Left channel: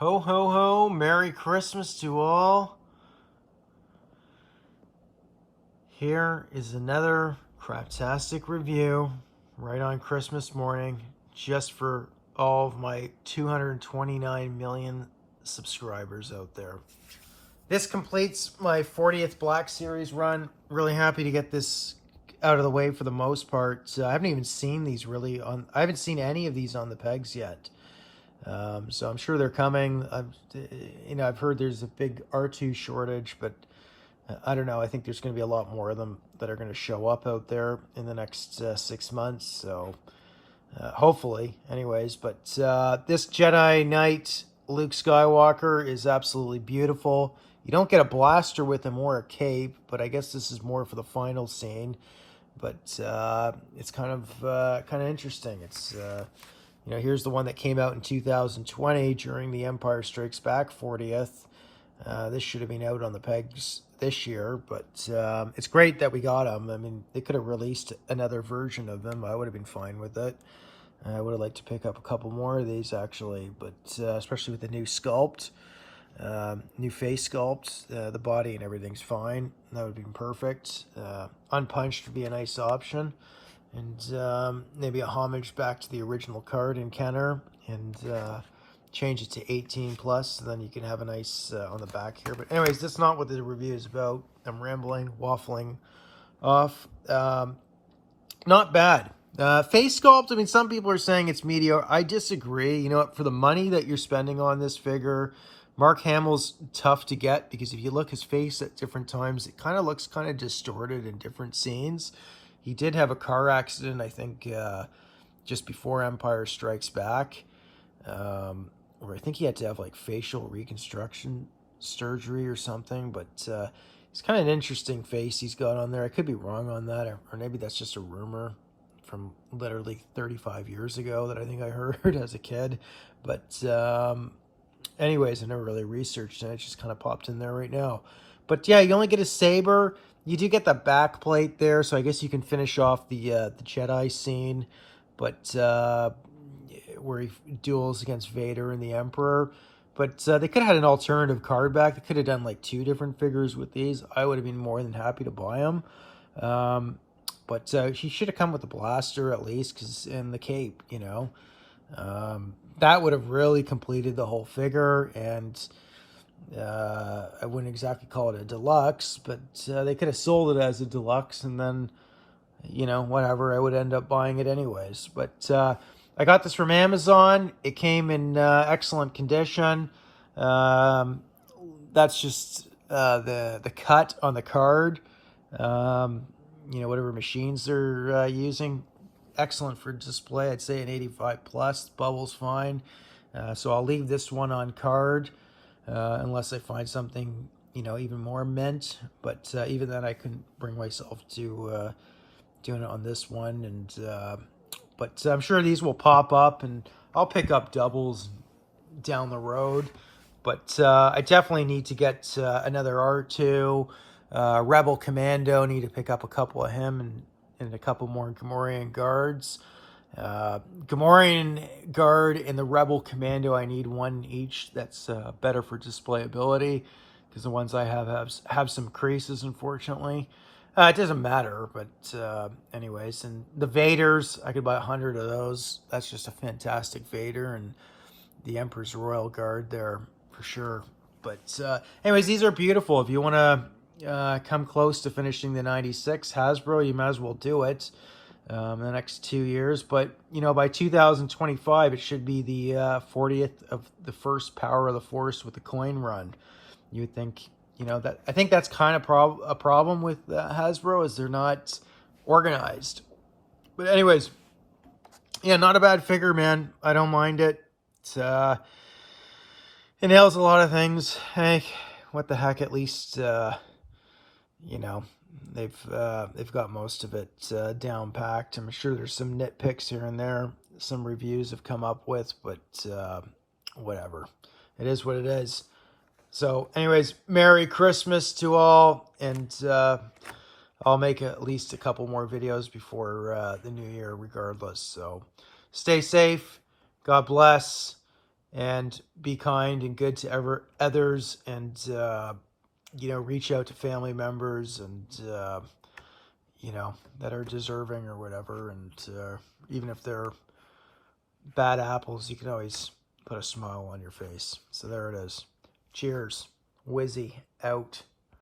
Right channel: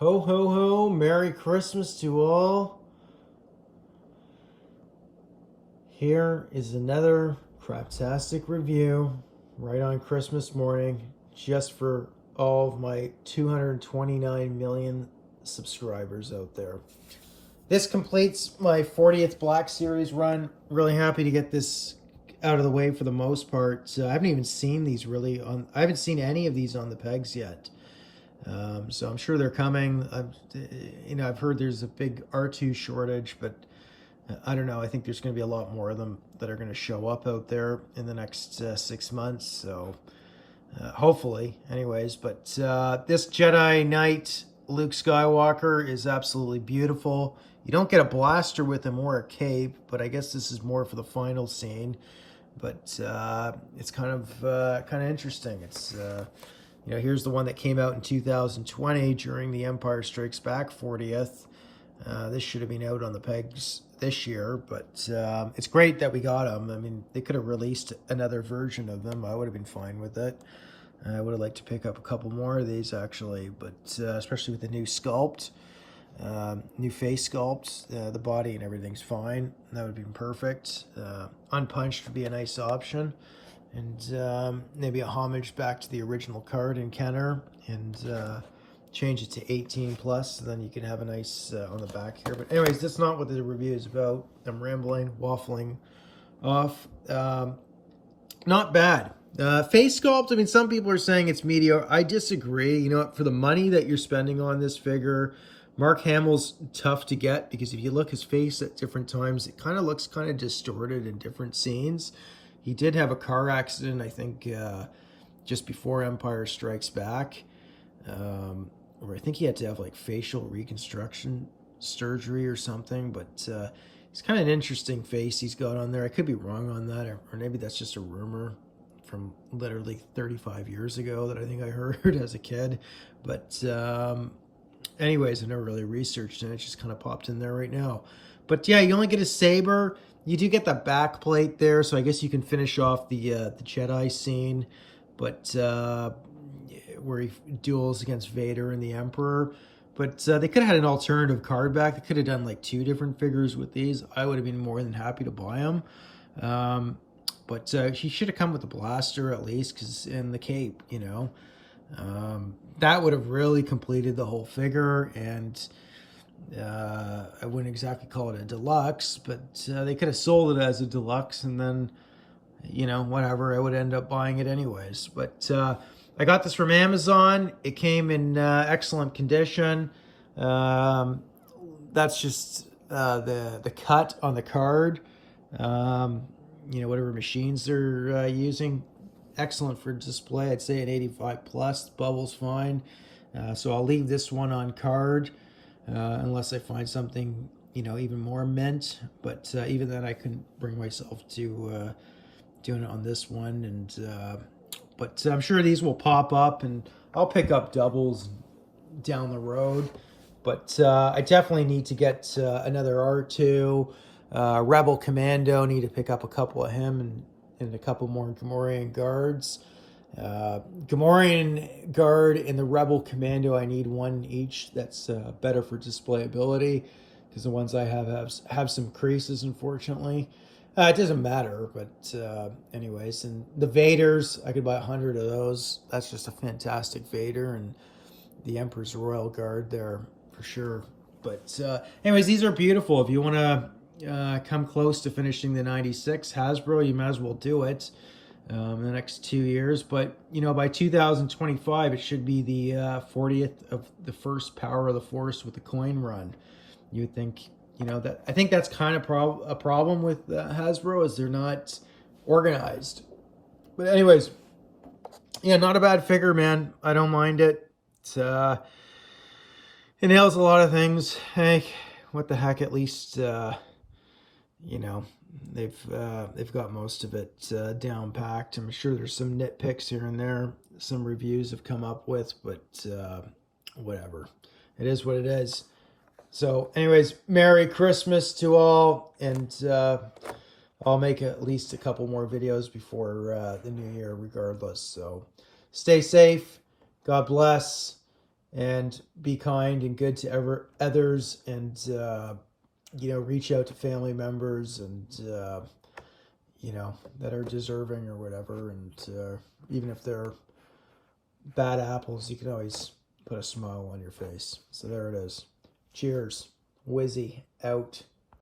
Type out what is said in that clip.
Ho, ho, ho. Merry Christmas to all. Here is another craptastic review right on Christmas morning, just for all of my 229 million subscribers out there. This completes my 40th Black Series run. Really happy to get this out of the way for the most part. I haven't even seen these really on. I haven't seen any of these on the pegs yet. So I'm sure they're coming. I've heard there's a big R2 shortage, but I don't know. I think there's going to be a lot more of them that are going to show up out there in the next 6 months. So hopefully, anyways. But this Jedi Knight Luke Skywalker is absolutely beautiful. You don't get a blaster with him or a cape, but I guess this is more for the final scene. But it's kind of interesting. It's here's the one that came out in 2020 during the Empire Strikes Back 40th. This should have been out on the pegs this year, but it's great that we got them. I mean, they could have released another version of them. I would have been fine with it. I would have liked to pick up a couple more of these, actually, but especially with the new sculpt, new face sculpt, the body and everything's fine. That would have been perfect. Unpunched would be a nice option. And maybe a homage back to the original card in Kenner, and change it to 18 plus, so then you can have a nice on the back here. But anyways, that's not what the review is about. I'm rambling, waffling off. Not bad. Face sculpt, I mean, some people are saying it's mediocre. I disagree. You know what, for the money that you're spending on this figure, Mark Hamill's tough to get, because if you look his face at different times, it kind of looks kind of distorted in different scenes. He did have a car accident, I think, just before Empire Strikes Back, where I think he had to have like facial reconstruction surgery or something. But it's kind of an interesting face he's got on there. I could be wrong on that, or maybe that's just a rumor from literally 35 years ago that I think I heard as a kid. But anyways, I never really researched it. It just kind of popped in there right now. But yeah, you only get a saber. You do get the back plate there, so I guess you can finish off the Jedi scene, but where he duels against Vader and the Emperor. But they could have had an alternative card back. They could have done like 2 different figures with these. I would have been more than happy to buy them. But he should have come with the blaster at least, and the cape, that would have really completed the whole figure. And I wouldn't exactly call it a deluxe, but they could have sold it as a deluxe, and then, whatever, I would end up buying it anyways. But I got this from Amazon. It came in excellent condition. That's just the cut on the card. Whatever machines they're using. Excellent for display. I'd say an 85 plus. Bubble's fine. So I'll leave this one on card. Unless I find something, even more mint. But even then, I couldn't bring myself to doing it on this one. And but I'm sure these will pop up, and I'll pick up doubles down the road. But I definitely need to get another R2. Rebel Commando, need to pick up a couple of him, and a couple more Gamorrean guards. Gamorrean guard and the Rebel Commando, I need one each. That's better for displayability, because the ones I have some creases, unfortunately. It doesn't matter, but anyways. And the Vaders, I could buy 100 of those. That's just a fantastic Vader, and the Emperor's Royal Guard there for sure. But anyways, these are beautiful. If you want to come close to finishing the 96 Hasbro, you might as well do it. In the next 2 years, but by 2025 it should be the 40th of the first Power of the Force with the coin run. You would think, that I think that's kind of a problem with Hasbro, is they're not organized. But anyways, yeah, not a bad figure, man. I don't mind it. It nails a lot of things. Hey, what the heck? At least they've got most of it down packed. I'm sure there's some nitpicks here and there some reviews have come up with, but whatever. It is what it is. So anyways, Merry Christmas to all, and I'll make at least a couple more videos before the new year regardless. So stay safe, God bless, and be kind and good to others, and reach out to family members and that are deserving or whatever. And even if they're bad apples, you can always put a smile on your face. So there it is. Cheers. Wizzy out.